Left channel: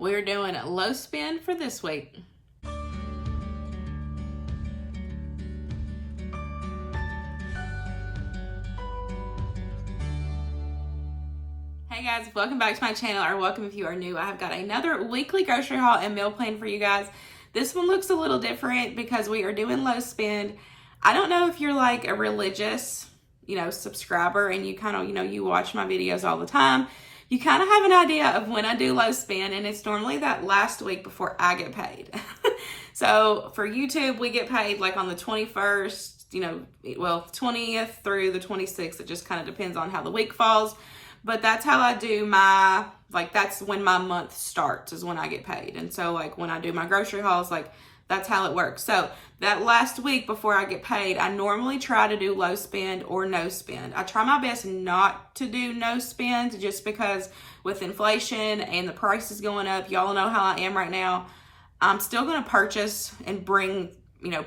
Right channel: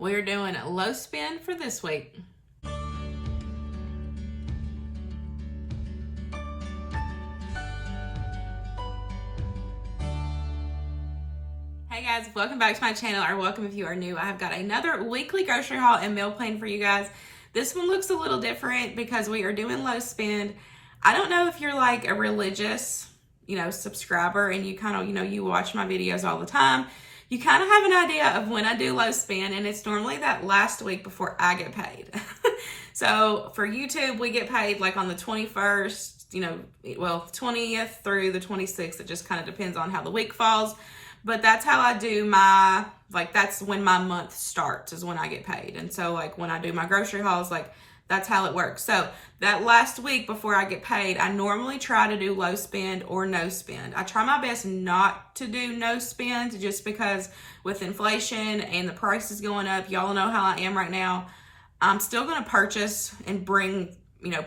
We're doing a low spend for this week. Hey guys, welcome back to my channel, or welcome if you are new. I've got another weekly grocery haul and meal plan for you guys. This one looks a little different because we are doing low spend. I don't know if you're like a religious, subscriber and you kind of, you watch my videos all the time. You kind of have an idea of when I do low spend, and it's normally that last week before I get paid. So for YouTube, we get paid like on the 21st, 20th through the 26th. It just kind of depends on how the week falls. But that's how I do my, that's when my month starts, is when I get paid. And so when I do my grocery hauls, that's how it works. So that last week before I get paid, I normally try to do low spend or no spend. I try my best not to do no spend, just because with inflation and the prices going up, y'all know how I am right now. I'm still going to purchase and bring,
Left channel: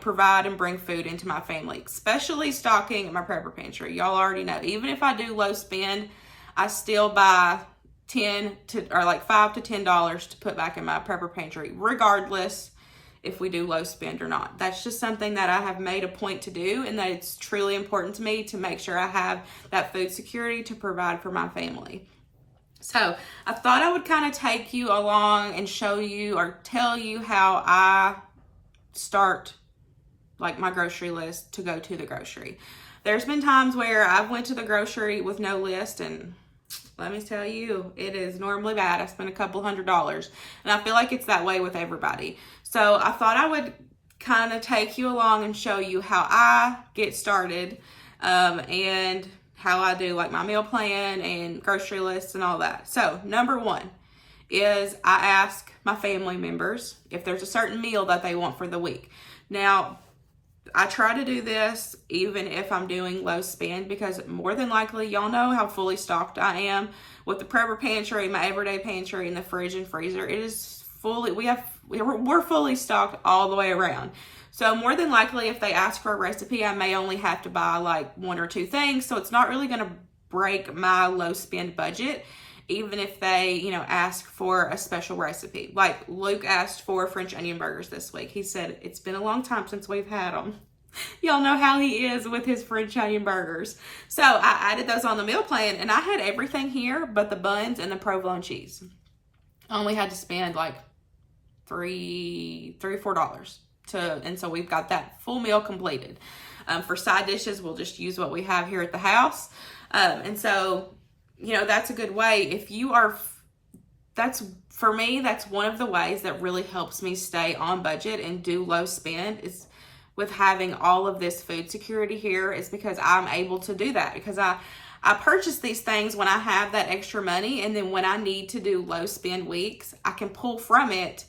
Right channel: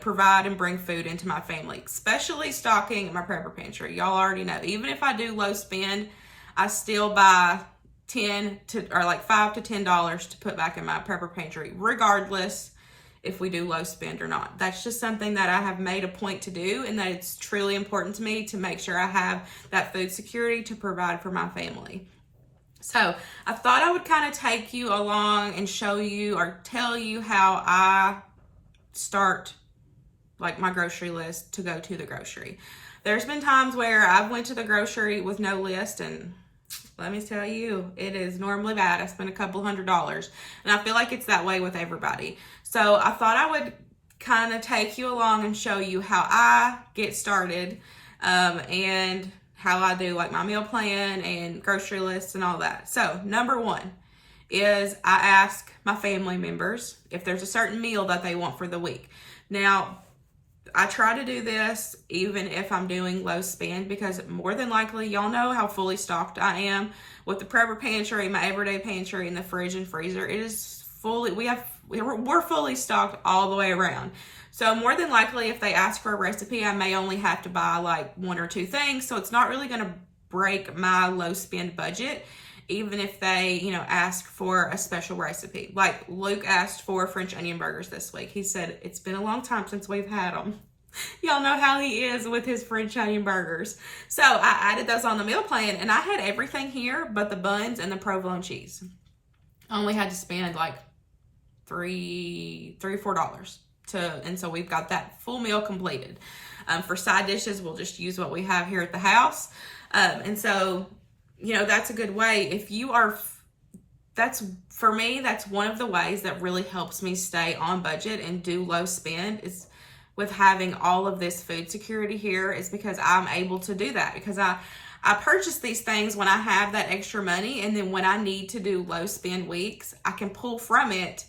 provide and bring food into my family, especially stocking my prepper pantry. Y'all already know, even if I do low spend, I still buy $5 to $10 to put back in my prepper pantry, regardless if we do low spend or not. That's just something that I have made a point to do, and that it's truly important to me to make sure I have that food security to provide for my family. So I thought I would kind of take you along and show you or tell you how I start my grocery list to go to the grocery. There's been times where I've went to the grocery with no list, and let me tell you, it is normally bad. I spend a couple $100s, and I feel like it's that way with everybody. So I thought I would kind of take you along and show you how I get started, and how I do my meal plan and grocery lists and all that. So number one is I ask my family members if there's a certain meal that they want for the week. Now, I try to do this even if I'm doing low spend, because more than likely, y'all know how fully stocked I am with the prepper pantry, my everyday pantry, and the fridge and freezer. It is fully, we're fully stocked all the way around. So more than likely, if they ask for a recipe, I may only have to buy one or two things. So it's not really going to break my low spend budget, even if they, ask for a special recipe. Like Luke asked for French onion burgers this week. He said, it's been a long time since we've had them. Y'all know how he is with his French onion burgers. So I added those on the meal plan, and I had everything here but the buns and the provolone cheese. I only had to spend $3 or $4 and so we've got that full meal completed. For side dishes, we'll just use what we have here at the house. And so, that's a good way. If you are, for me, that's one of the ways that really helps me stay on budget and do low spend, is with having all of this food security here, is because I'm able to do that, because I purchase these things when I have that extra money, and then when I need to do low spend weeks, I can pull from it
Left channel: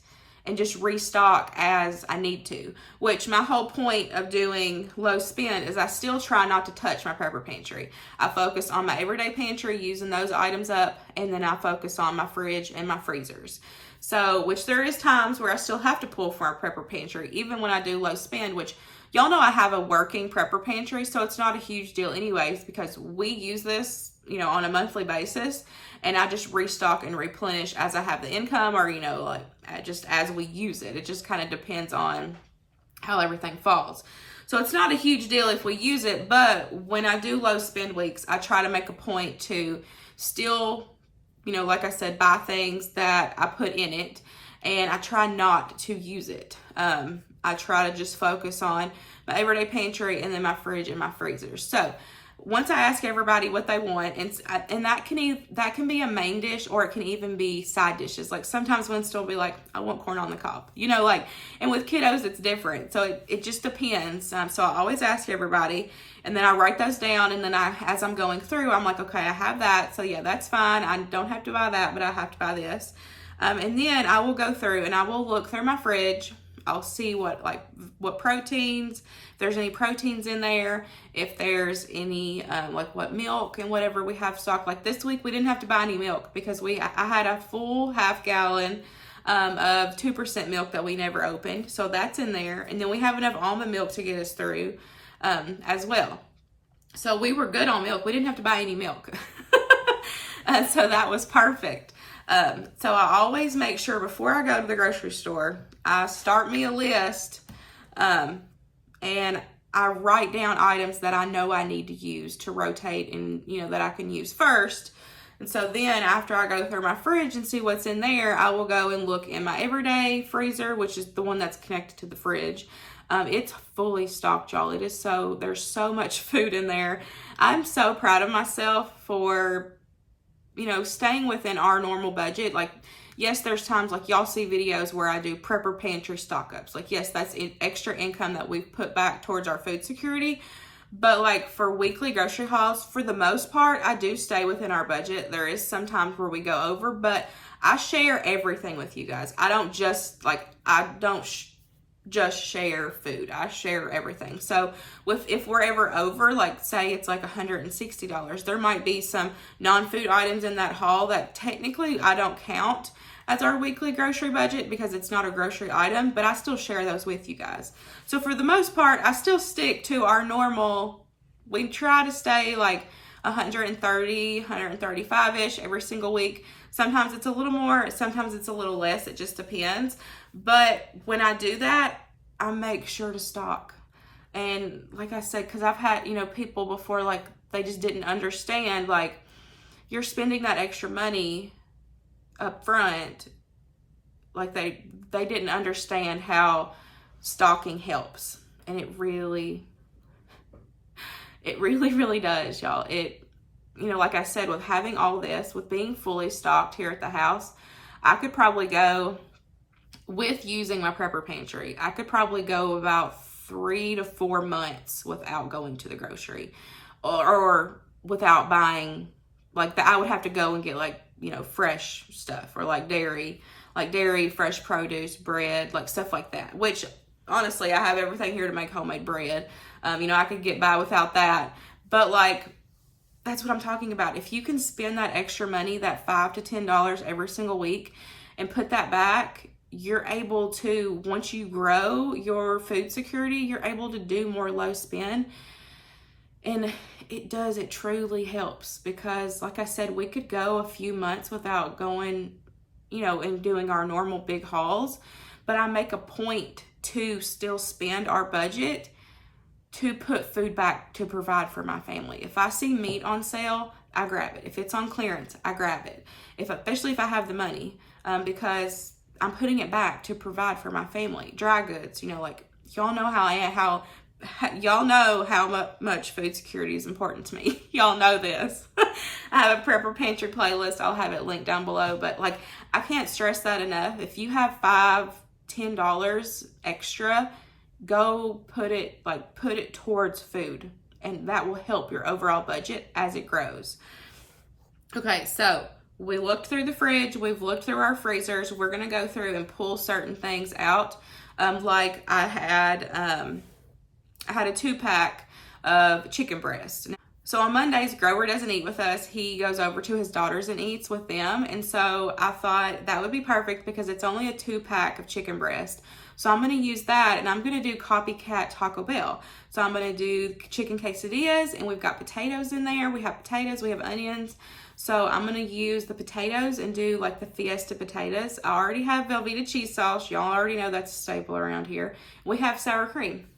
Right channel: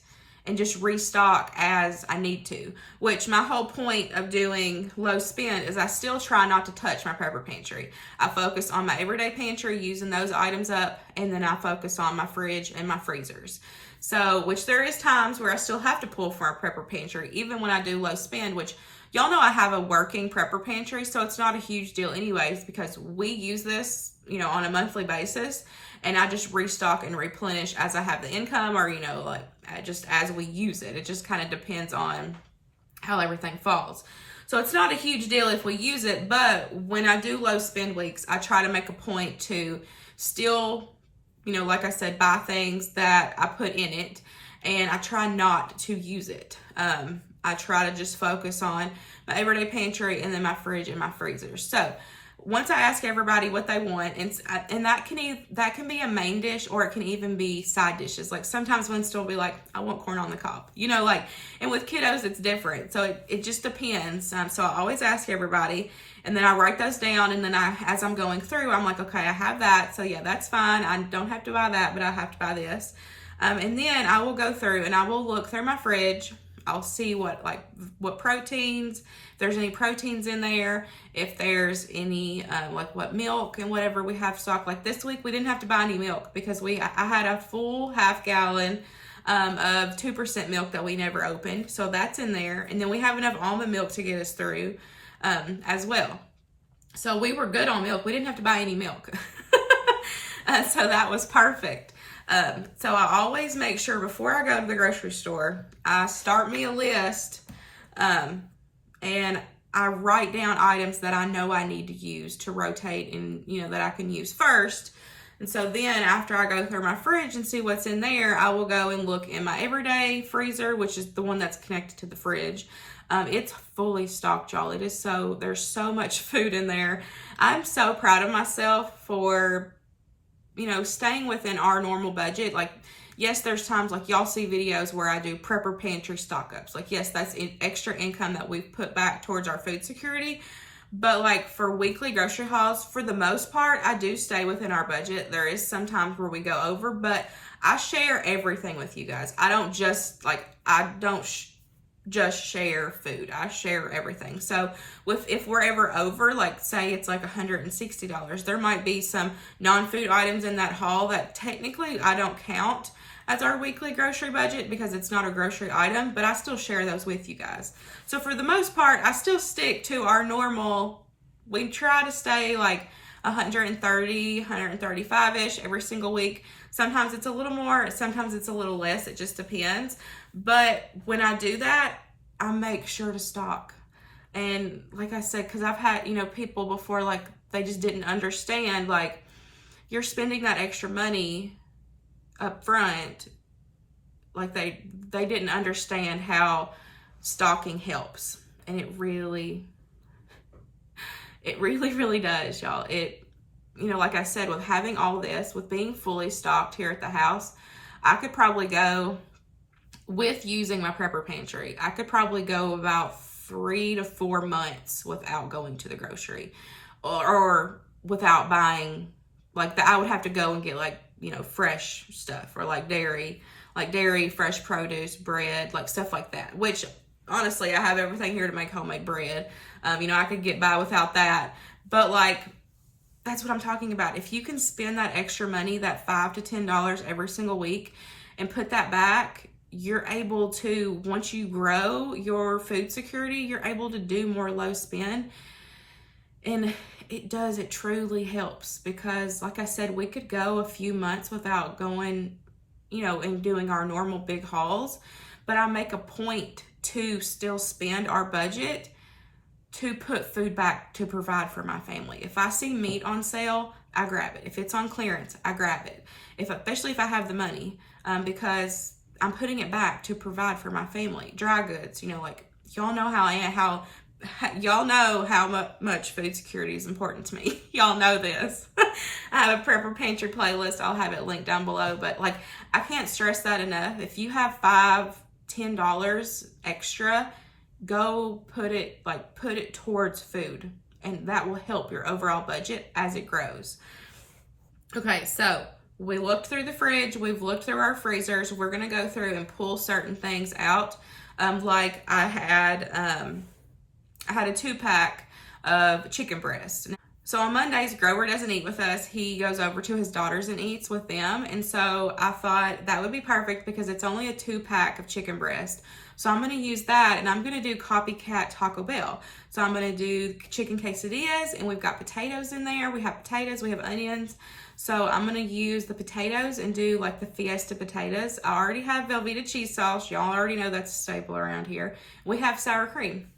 and just restock as I need to. Which my whole point of doing low spend is I still try not to touch my prepper pantry. I focus on my everyday pantry, using those items up, and then I focus on my fridge and my freezers. So, which there is times where I still have to pull from our prepper pantry, even when I do low spend, which y'all know I have a working prepper pantry, so it's not a huge deal anyways, because we use this, on a monthly basis, and I just restock and replenish as I have the income, or, just as we use it. It just kind of depends on how everything falls. So it's not a huge deal if we use it, but when I do low spend weeks, I try to make a point to still, like I said, buy things that I put in it, and I try not to use it. I try to just focus on my everyday pantry and then my fridge and my freezer. So once I ask everybody what they want, and that can be a main dish, or it can even be side dishes. Sometimes Winston will be like, I want corn on the cob, and with kiddos, it's different. So it just depends. So I always ask everybody, and then I write those down, and then as I'm going through, I'm like, okay, I have that. So yeah, that's fine. I don't have to buy that, but I have to buy this. And then I will go through and I will look through my fridge. I'll see what proteins, if there's any proteins in there, if there's any, what milk and whatever we have stocked. This week, we didn't have to buy any milk because I had a full half gallon of 2% milk that we never opened. So that's in there. And then we have enough almond milk to get us through as well. So we were good on milk. We didn't have to buy any milk. So that was perfect. So I always make sure before I go to the grocery store, I start me a list, and I write down items that I know I need to use to rotate and, that I can use first. And so then after I go through my fridge and see what's in there, I will go and look in my everyday freezer, which is the one that's connected to the fridge. It's fully stocked, y'all. There's so much food in there. I'm so proud of myself for, staying within our normal budget. Like, yes, there's times like y'all see videos where I do prepper pantry stock ups. Like, yes, that's extra income that we've put back towards our food security. But like for weekly grocery hauls, for the most part, I do stay within our budget. There is some times where we go over, but I share everything with you guys. I don't just just share food. I share everything. So if we're ever over, like say it's like $160, there might be some non-food items in that haul that technically I don't count as our weekly grocery budget because it's not a grocery item, but I still share those with you guys. So for the most part, I still stick to our normal. We try to stay like 130, 135-ish every single week. Sometimes it's a little more, sometimes it's a little less. It just depends. But when I do that, I make sure to stock. And like I said, because I've had, people before, like they just didn't understand, like you're spending that extra money up front. Like they didn't understand how stocking helps. And it really does, y'all. Like I said, with having all this, with being fully stocked here at the house, I could probably go, with using my prepper pantry, I could probably go about 3 to 4 months without going to the grocery or without buying, like I would have to go and get like, fresh stuff or like dairy, fresh produce, bread, like stuff like that, which honestly, I have everything here to make homemade bread. I could get by without that, but like, that's what I'm talking about. If you can spend that extra money, that $5 to $10 every single week, and put that back, you're able to, once you grow your food security, you're able to do more low spend. And it truly helps because like I said, we could go a few months without going, and doing our normal big hauls, but I make a point to still spend our budget to put food back to provide for my family. If I see meat on sale, I grab it. If it's on clearance, I grab it. Especially if I have the money, because I'm putting it back to provide for my family. Dry goods, like y'all know y'all know how much food security is important to me. Y'all know this. I have a prepper pantry playlist. I'll have it linked down below, but like I can't stress that enough. If you have $5, $10 extra, go put it towards food, and that will help your overall budget as it grows. Okay, so we looked through the fridge, we've looked through our freezers. We're gonna go through and pull certain things out. Like I had a 2-pack of chicken breast. So on Mondays, Grover doesn't eat with us. He goes over to his daughters and eats with them. And so I thought that would be perfect because it's only a 2-pack of chicken breast. So I'm going to use that, and I'm going to do copycat Taco Bell. So I'm going to do chicken quesadillas, and we've got potatoes in there. We have potatoes, we have onions. So I'm going to use the potatoes and do like the Fiesta potatoes. I already have Velveeta cheese sauce. Y'all already know that's a staple around here. We have sour cream.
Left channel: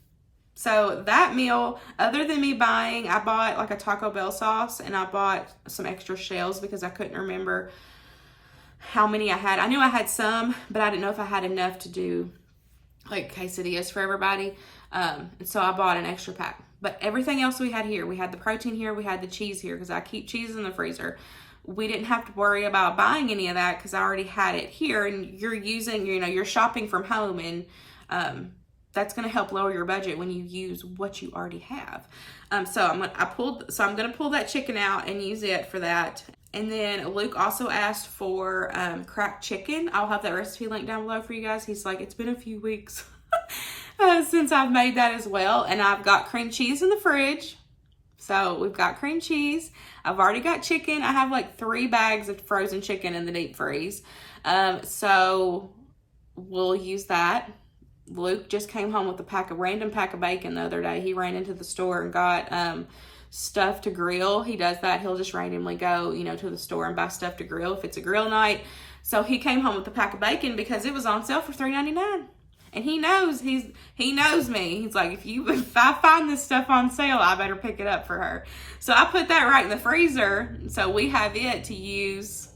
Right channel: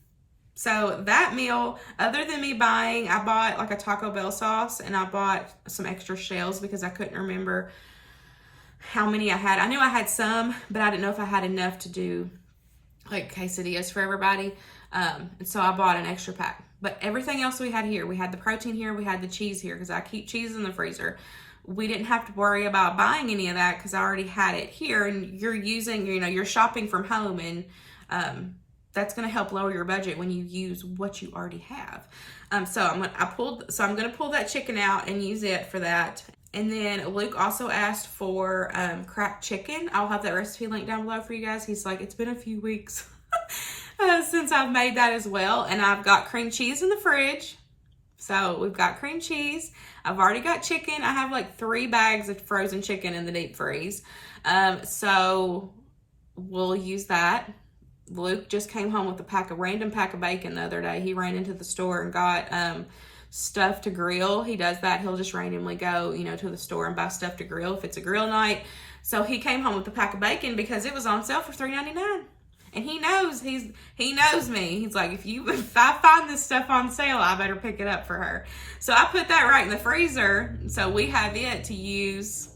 So that meal, other than me buying, I bought like a Taco Bell sauce, and I bought some extra shells because I couldn't remember how many I had. I knew I had some, but I didn't know if I had enough to do like quesadillas for everybody. And so I bought an extra pack. But everything else we had here, we had the protein here, we had the cheese here because I keep cheese in the freezer. We didn't have to worry about buying any of that because I already had it here. And you're using, you're shopping from home, and that's going to help lower your budget when you use what you already have. So I'm going to pull that chicken out and use it for that. And then Luke also asked for cracked chicken. I'll have that recipe linked down below for you guys. He's like, it's been a few weeks since I've made that as well. And I've got cream cheese in the fridge. So we've got cream cheese. I've already got chicken. I have like 3 bags of frozen chicken in the deep freeze. So we'll use that. Luke just came home with a random pack of bacon the other day. He ran into the store and got stuff to grill. He does that. He'll just randomly go, you know, to the store and buy stuff to grill if it's a grill night. So he came home with a pack of bacon because it was on sale for $3.99. And he knows he knows me. He's like, if I find this stuff on sale, I better pick it up for her. So I put that right in the freezer. So we have it to use,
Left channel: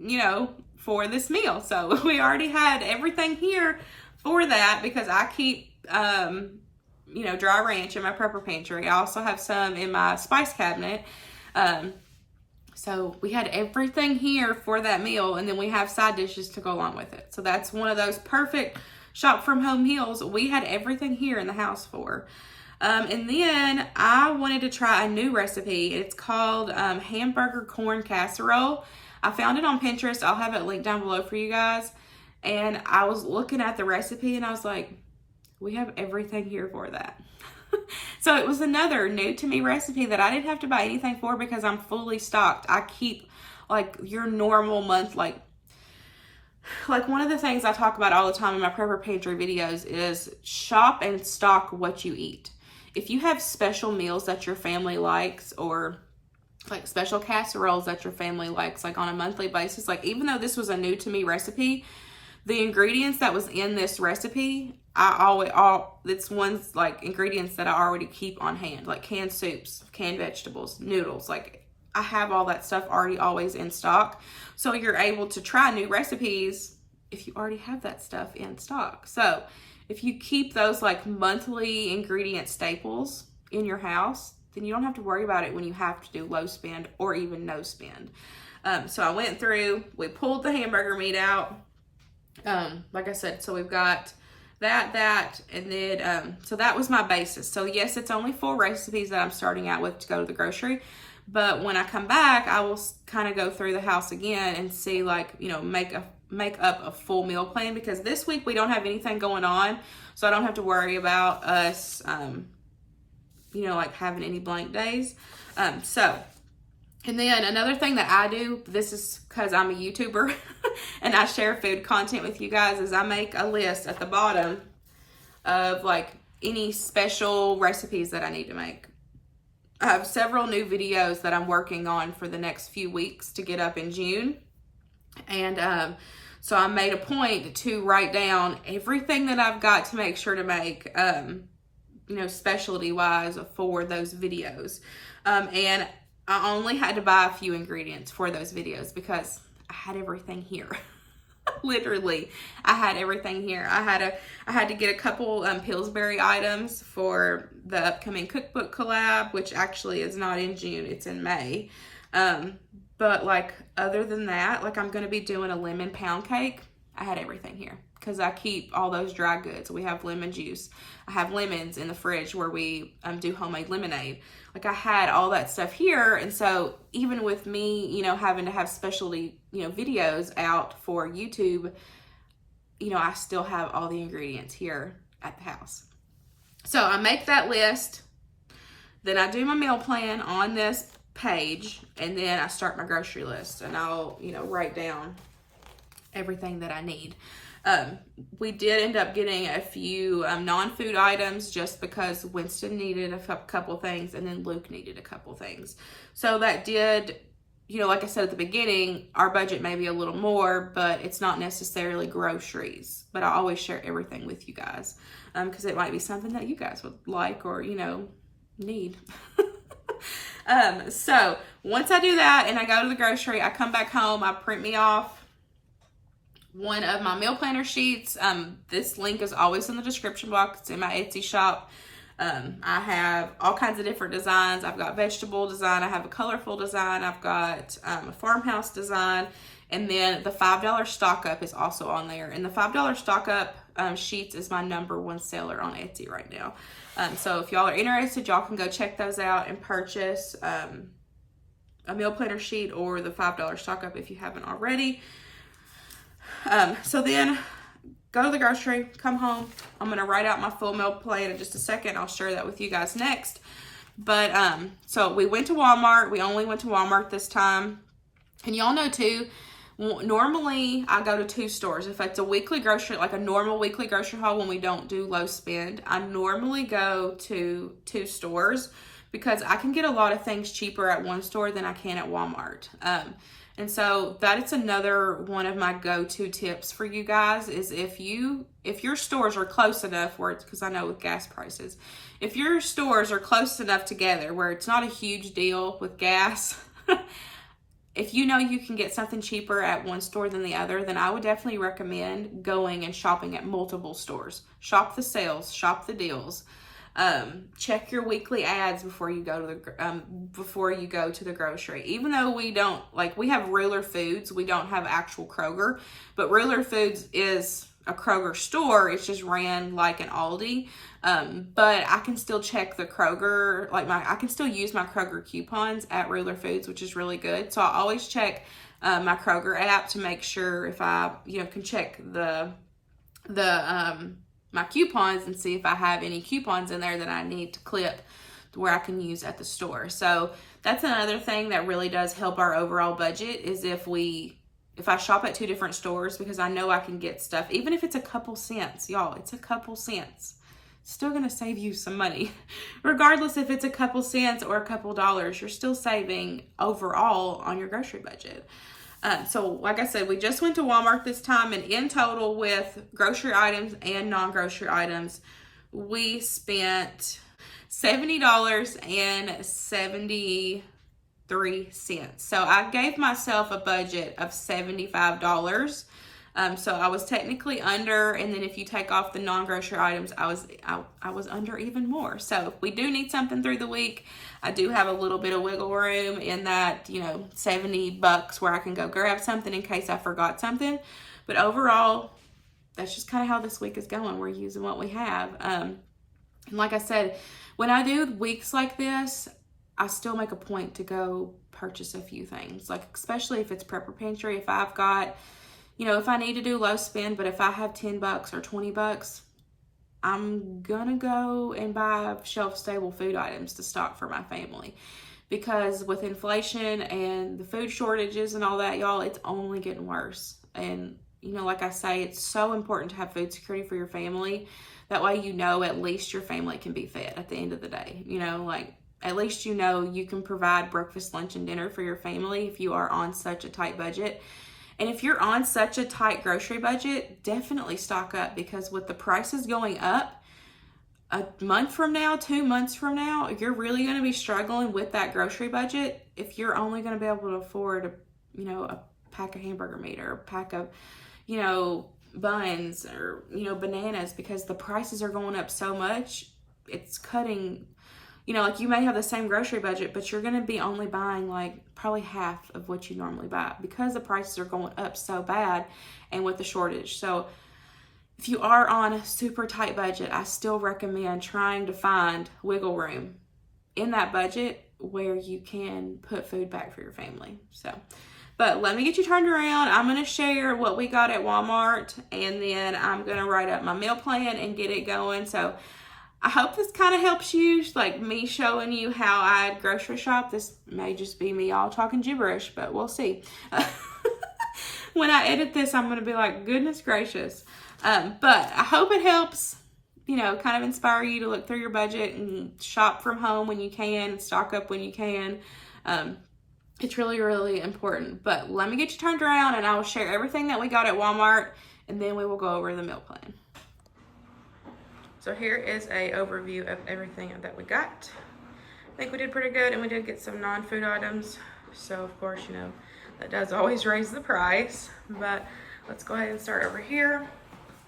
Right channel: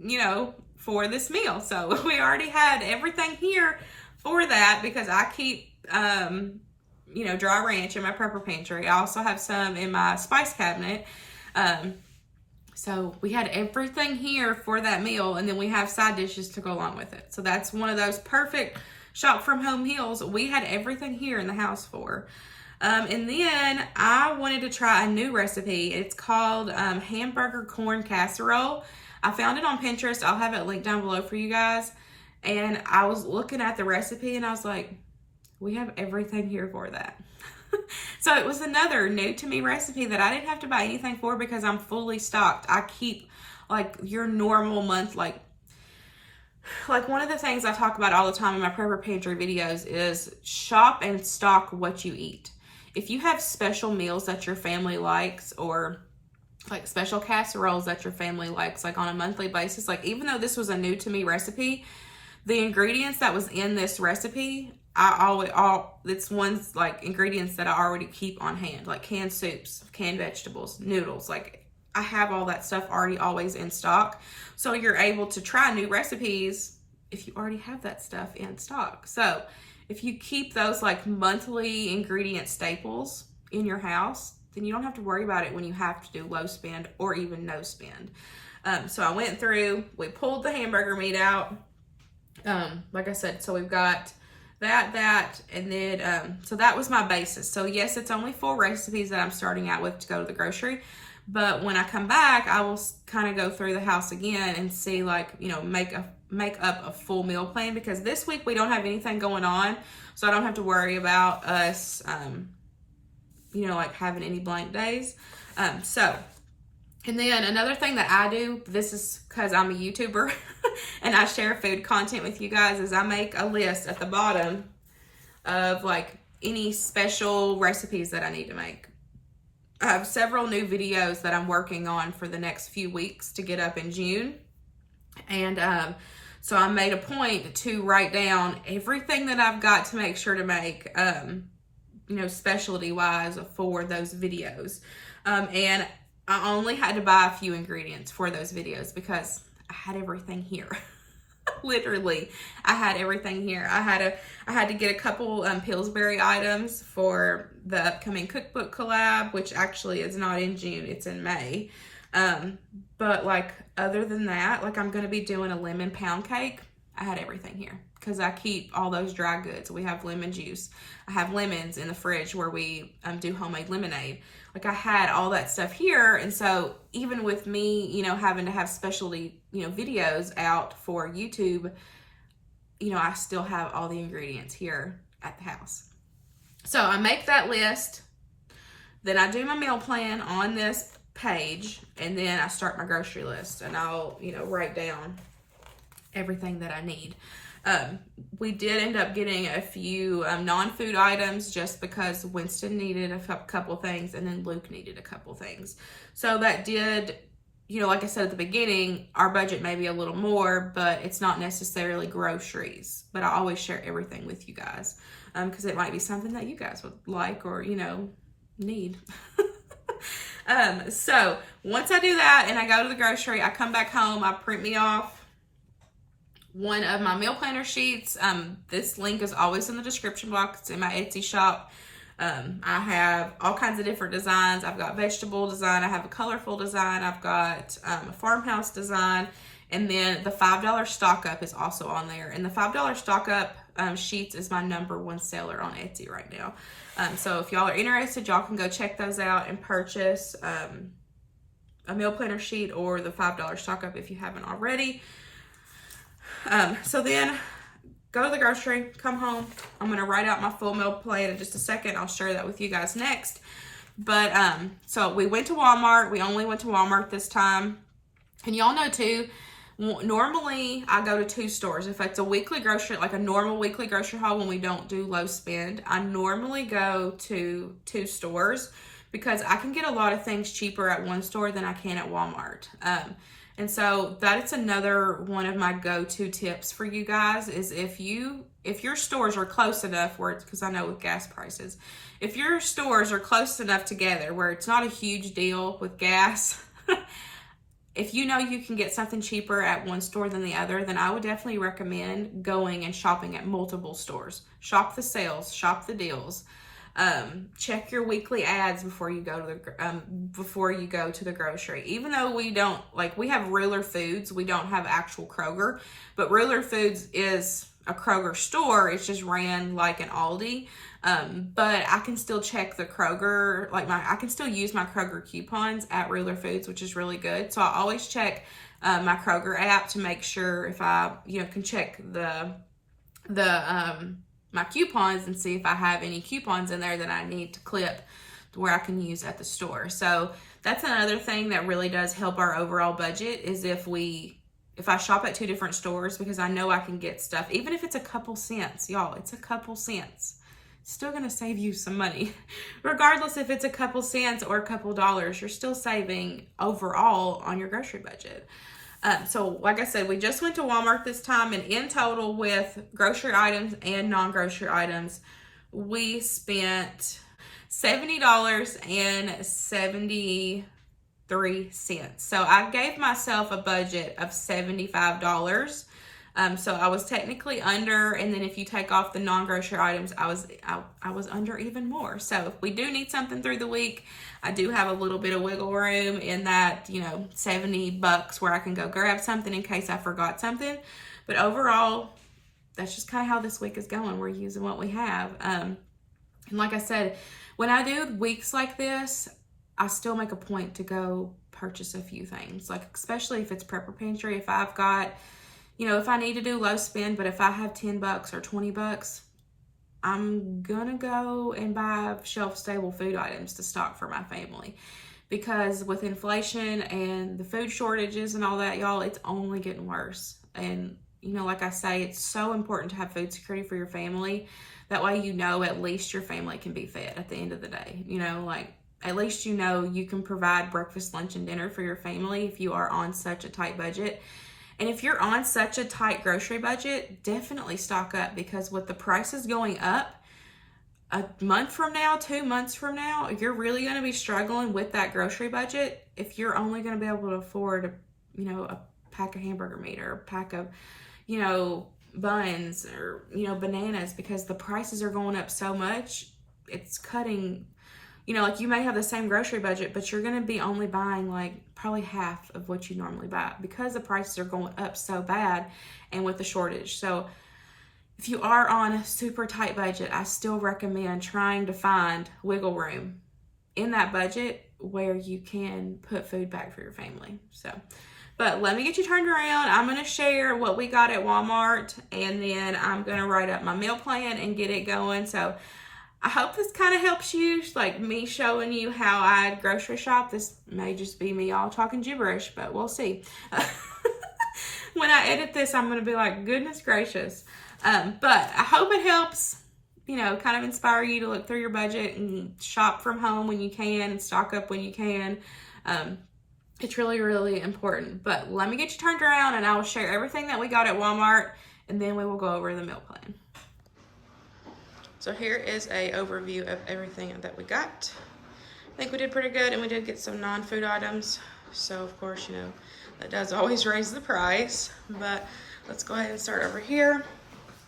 you know, for this meal. So we already had everything here for that because I keep, you know, dry ranch in my prepper pantry. I also have some in my spice cabinet. So we had everything here for that meal, and then we have side dishes to go along with it. So that's one of those perfect shop from home meals. We had everything here in the house for. And then I wanted to try a new recipe. It's called Hamburger Corn Casserole. I found it on Pinterest. I'll have it linked down below for you guys. And I was looking at the recipe and I was like, we have everything here for that. So it was another new to me recipe that I didn't have to buy anything for because I'm fully stocked. I keep like your normal month, like one of the things I talk about all the time in my prepper pantry videos is shop and stock what you eat. If you have special meals that your family likes, or like special casseroles that your family likes, like on a monthly basis, like even though this was a new to me recipe, the ingredients that was in this recipe, it's ones like ingredients that I already keep on hand, like canned soups, canned vegetables, noodles. Like I have all that stuff already always in stock. So you're able to try new recipes if you already have that stuff in stock. So if you keep those like monthly ingredient staples in your house, then you don't have to worry about it when you have to do low spend or even no spend. So I went through, we pulled the hamburger meat out. Like I said, so we've got that, and then, so that was my basis. So yes, it's only 4 recipes that I'm starting out with to go to the grocery, but when I come back, I will kind of go through the house again and see, like, you know, make up a full meal plan, because this week we don't have anything going on, so I don't have to worry about us, you know, like having any blank days. And then another thing that I do, this is because I'm a YouTuber and I share food content with you guys, is I make a list at the bottom of like any special recipes that I need to make. I have several new videos that I'm working on for the next few weeks to get up in June. And so I made a point to write down everything that I've got to make sure to make, you know, specialty wise for those videos. And I only had to buy a few ingredients for those videos because I had everything here. Literally, I had everything here. I had to get a couple Pillsbury items for the upcoming cookbook collab, which actually is not in June, it's in May. But like other than that, like I'm gonna be doing a lemon pound cake. I had everything here because I keep all those dry goods. We have lemon juice. I have lemons in the fridge where we do homemade lemonade. Like I had all that stuff here. And so even with me, you know, having to have specialty, you know, videos out for YouTube, you know, I still have all the ingredients here at the house. So I make that list. Then I do my meal plan on this page. And then I start my grocery list. And I'll, you know, write down everything that I need. We did end up getting a few non-food items just because Winston needed a couple things and then Luke needed a couple things. So that did, you know, like I said at the beginning, our budget may be a little more, but it's not necessarily groceries. But I always share everything with you guys because it might be something that you guys would like or, you know, need. So once I do that and I go to the grocery, I come back home, I print me off one of my meal planner sheets. This link is always in the description box. It's in my Etsy shop. I have all kinds of different designs. I've got vegetable design. I have a colorful design. I've got a farmhouse design. And then the $5 stock up is also on there. And the $5 stock up sheets is my #1 seller on Etsy right now. So if y'all are interested, y'all can go check those out and purchase a meal planner sheet or the $5 stock up if you haven't already. So then go to the grocery, come home. I'm going to write out my full meal plan in just a second. I'll share that with you guys next. But, so we went to Walmart. We only went to Walmart this time. And y'all know too, normally I go to 2 stores. If it's a weekly grocery, like a normal weekly grocery haul when we don't do low spend, I normally go to 2 stores because I can get a lot of things cheaper at one store than I can at Walmart. And so that is another one of my go-to tips for you guys is if your stores are close enough where it's, because I know with gas prices, if your stores are close enough together where it's not a huge deal with gas, if you know you can get something cheaper at one store than the other, then I would definitely recommend going and shopping at multiple stores. Shop the sales, shop the deals. Check your weekly ads before you go to the grocery. Even though we don't, like, we have Ruler Foods, we don't have actual Kroger, but Ruler Foods is a Kroger store. It's just ran like an Aldi. But I can still check the Kroger, I can still use my Kroger coupons at Ruler Foods, which is really good. So I always check my Kroger app to make sure if I, can check my coupons and see if I have any coupons in there that I need to clip to where I can use at the store. So that's another thing that really does help our overall budget is if I shop at 2 different stores, because I know I can get stuff, even if it's a couple cents, y'all, it's a couple cents. It's still going to save you some money. Regardless if it's a couple cents or a couple dollars, you're still saving overall on your grocery budget. So like I said, we just went to Walmart this time, and in total with grocery items and non-grocery items, we spent $70.73. So I gave myself a budget of $75. So I was technically under, and then if you take off the non-grocery items, I was under even more. So if we do need something through the week, I do have a little bit of wiggle room in that, $70 where I can go grab something in case I forgot something. But overall, that's just kind of how this week is going. We're using what we have. And like I said, when I do weeks like this, I still make a point to go purchase a few things, like especially if it's prepper pantry. If I've got, if I need to do low spend, but if I have $10 or $20, I'm gonna go and buy shelf-stable food items to stock for my family. Because with inflation and the food shortages and all that, y'all, it's only getting worse. And, like I say, it's so important to have food security for your family. That way, at least your family can be fed at the end of the day. At least you can provide breakfast, lunch, and dinner for your family if you are on such a tight budget. And if you're on such a tight grocery budget, definitely stock up, because with the prices going up, a month from now, 2 months from now, you're really going to be struggling with that grocery budget if you're only going to be able to afford a pack of hamburger meat or a pack of, buns or, bananas, because the prices are going up so much. It's cutting, you may have the same grocery budget, but you're going to be only buying probably half of what you normally buy because the prices are going up so bad and with the shortage. So if you are on a super tight budget, I still recommend trying to find wiggle room in that budget where you can put food back for your family. But let me get you turned around. I'm going to share what we got at Walmart, and then I'm going to write up my meal plan and get it going. So I hope this kind of helps you, like me showing you how I grocery shop. This may just be me all talking gibberish, but we'll see. When I edit this, I'm going to be like, goodness gracious. But I hope it helps, kind of inspire you to look through your budget and shop from home when you can, stock up when you can. It's really, really important. But let me get you turned around, and I will share everything that we got at Walmart, and then we will go over the meal plan. So here is a overview of everything that we got. I think we did pretty good, and we did get some non-food items. So of course, that does always raise the price, but let's go ahead and start over here.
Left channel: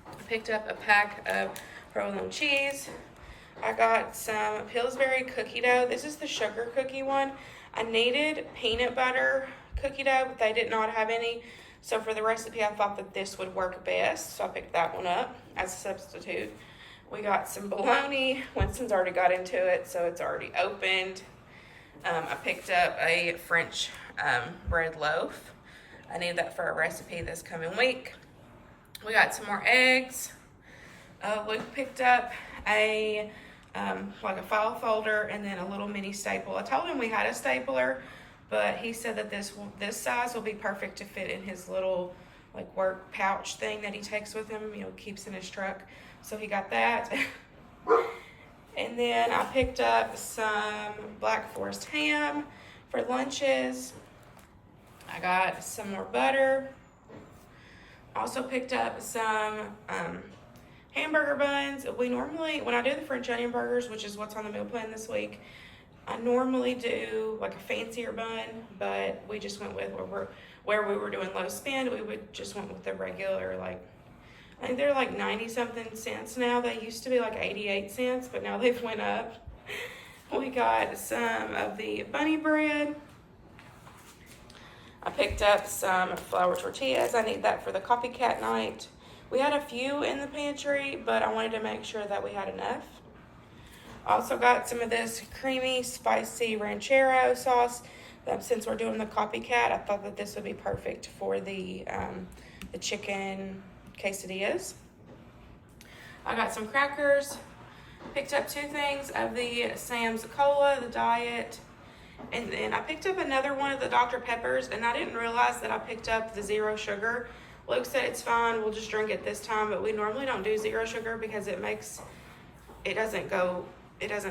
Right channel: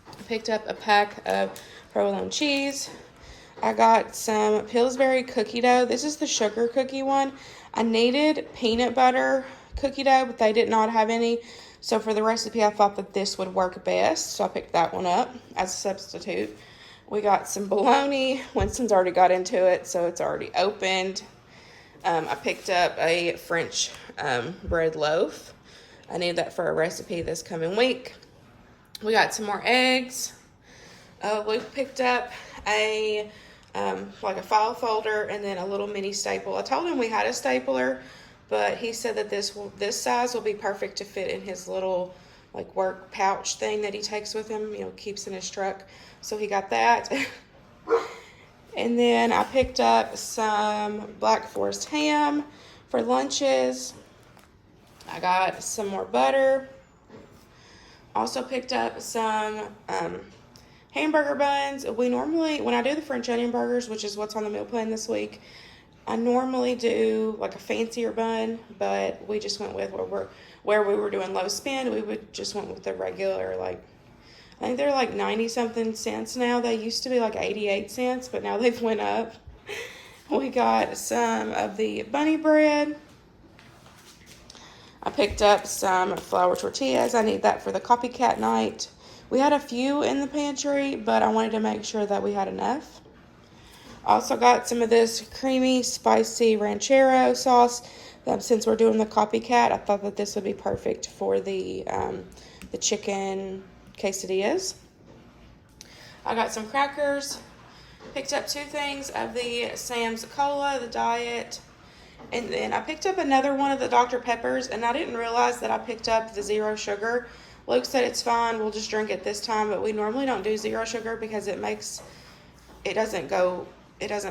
I picked up a pack of provolone cheese. I got some Pillsbury cookie dough. This is the sugar cookie one. I needed peanut butter cookie dough, but they did not have any. So for the recipe, I thought that this would work best. So I picked that one up as a substitute. We got some bologna. Winston's already got into it, so it's already opened. I picked up a French bread loaf. I need that for a recipe this coming week. We got some more eggs. Luke picked up a file folder and then a little mini staple. I told him we had a stapler, but he said that this size will be perfect to fit in his little work pouch thing that he takes with him, keeps in his truck. So he got that. And then I picked up some Black Forest ham for lunches. I got some more butter. Also picked up some hamburger buns. We normally, when I do the French onion burgers, which is what's on the meal plan this week, I normally do like a fancier bun, but we just went with where we were doing low spend. We just went with the regular, like, I think they're like 90 something cents now. They used to be like 88 cents, but now they've went up. We got some of the bunny bread. I picked up some flour tortillas. I need that for the copycat night. We had a few in the pantry, but I wanted to make sure that we had enough. Also got some of this creamy, spicy ranchero sauce. Since we're doing the copycat, I thought that this would be perfect for the chicken quesadillas. I got some crackers. Picked up 2 things of the Sam's Cola, the diet. And then I picked up another one of the Dr. Peppers, and I didn't realize that I picked up the 0 sugar. Luke said it's fine, we'll just drink it this time, but we normally don't do 0 sugar because it doesn't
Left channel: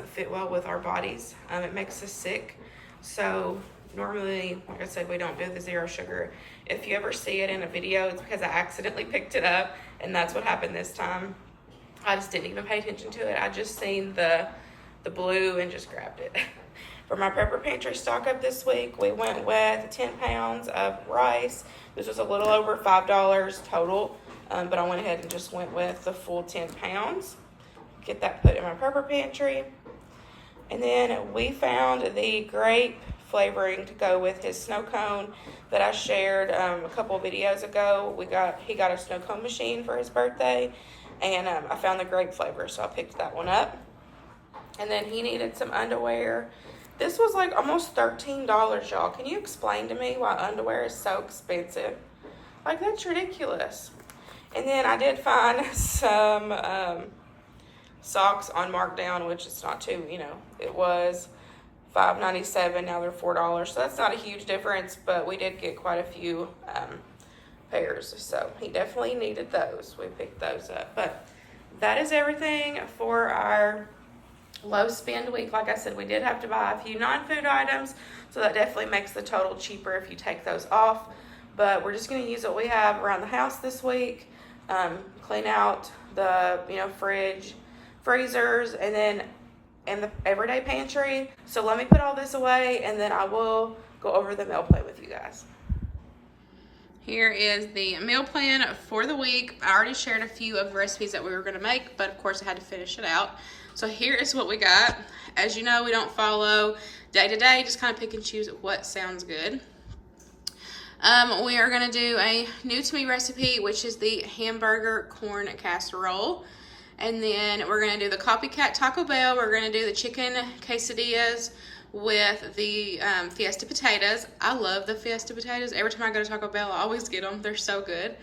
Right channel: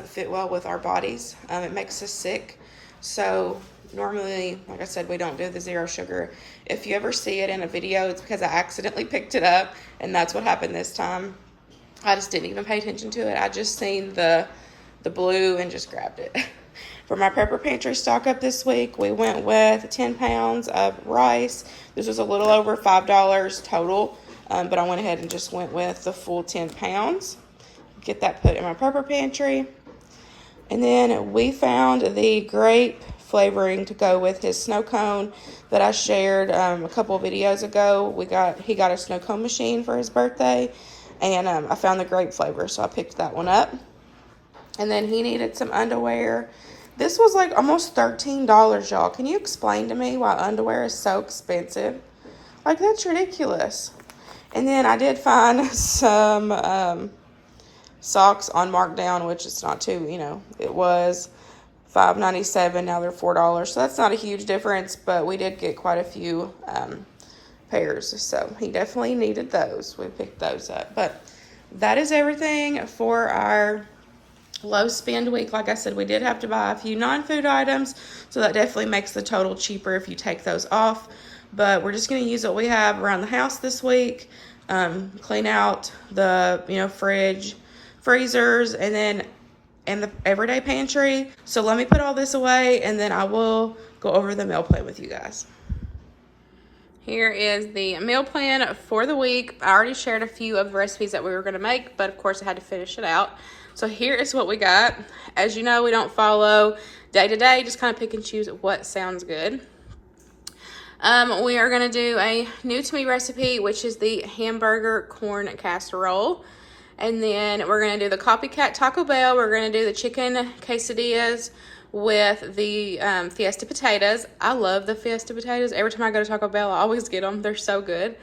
fit well with our bodies. It makes us sick. So normally, like I said, we don't do the 0 sugar. If you ever see it in a video, it's because I accidentally picked it up, and that's what happened this time. I just didn't even pay attention to it. I just seen the blue and just grabbed it. For my Prepper Pantry stock up this week, we went with 10 pounds of rice. This was a little over $5 total, but I went ahead and just went with the full 10 pounds. Get that put in my Prepper Pantry. And then we found the grape flavoring to go with his snow cone that I shared a couple of videos ago. He got a snow cone machine for his birthday, and I found the grape flavor, so I picked that one up. And then he needed some underwear. This was like almost $13, y'all. Can you explain to me why underwear is so expensive? Like, that's ridiculous. And then I did find some socks on markdown, which is not too, it was $5.97, now they're $4. So that's not a huge difference, but we did get quite a few pairs. So he definitely needed those. We picked those up. But that is everything for our low spend week. Like I said, we did have to buy a few non-food items, so that definitely makes the total cheaper if you take those off. But we're just going to use what we have around the house this week, clean out the fridge, freezers, and then in the everyday pantry. So let me put all this away, and then I will go over the meal plan with you guys. Here is the meal plan for the week. I already shared a few of the recipes that we were going to make, but of course I had to finish it out. So here is what we got. As you know, we don't follow day to day, just kind of pick and choose what sounds good. We are going to do a new to me recipe, which is the hamburger corn casserole. And then we're going to do the copycat Taco Bell. We're going to do the chicken quesadillas with the Fiesta potatoes. I love the Fiesta potatoes. Every time I go to Taco Bell, I always get them. They're so good.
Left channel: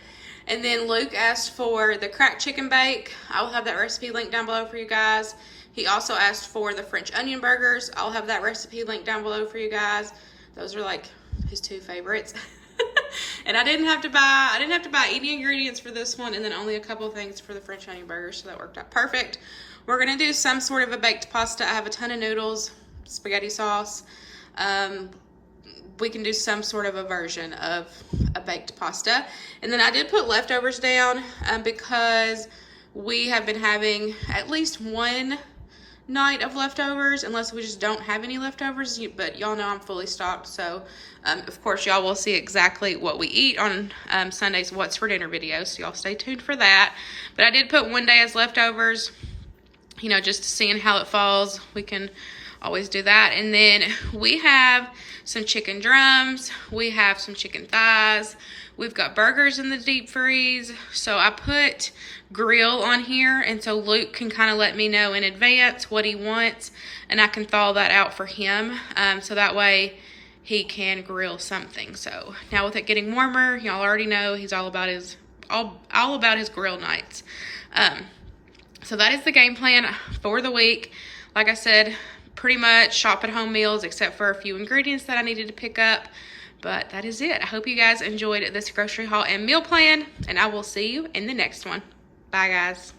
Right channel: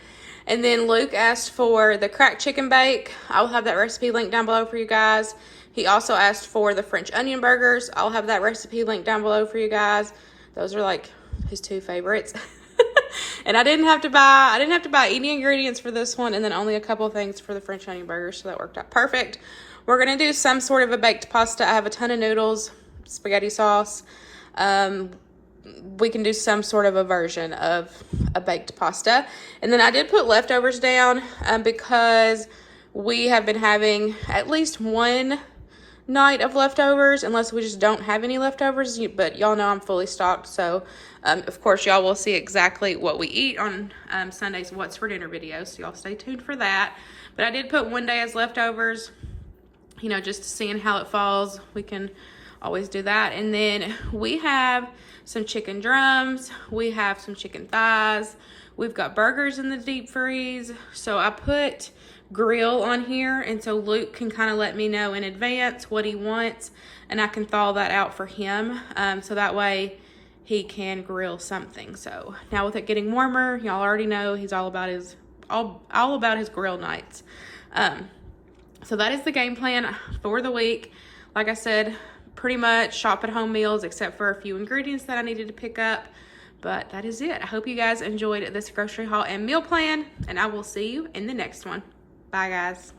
And then Luke asked for the cracked chicken bake. I will have that recipe linked down below for you guys. He also asked for the French onion burgers. I'll have that recipe linked down below for you guys. Those are like his 2 favorites. And I didn't have to buy any ingredients for this one, and then only a couple of things for the French onion burgers, so that worked out perfect. We're gonna do some sort of a baked pasta. I have a ton of noodles, spaghetti sauce. We can do some sort of a version of a baked pasta. And then I did put leftovers down because we have been having at least one night of leftovers, unless we just don't have any leftovers. But y'all know I'm fully stocked, so of course y'all will see exactly what we eat on Sunday's What's for Dinner video, so y'all stay tuned for that. But I did put one day as leftovers, just seeing how it falls. We can always do that. And then we have some chicken drums, we have some chicken thighs, we've got burgers in the deep freeze. So I put grill on here, and so Luke can kind of let me know in advance what he wants, and I can thaw that out for him, so that way he can grill something. So now with it getting warmer, y'all already know he's all about his grill nights. So that is the game plan for the week. Like I said, pretty much shop at home meals except for a few ingredients that I needed to pick up. But that is it. I hope you guys enjoyed this grocery haul and meal plan, and I will see you in the next one. Bye, guys.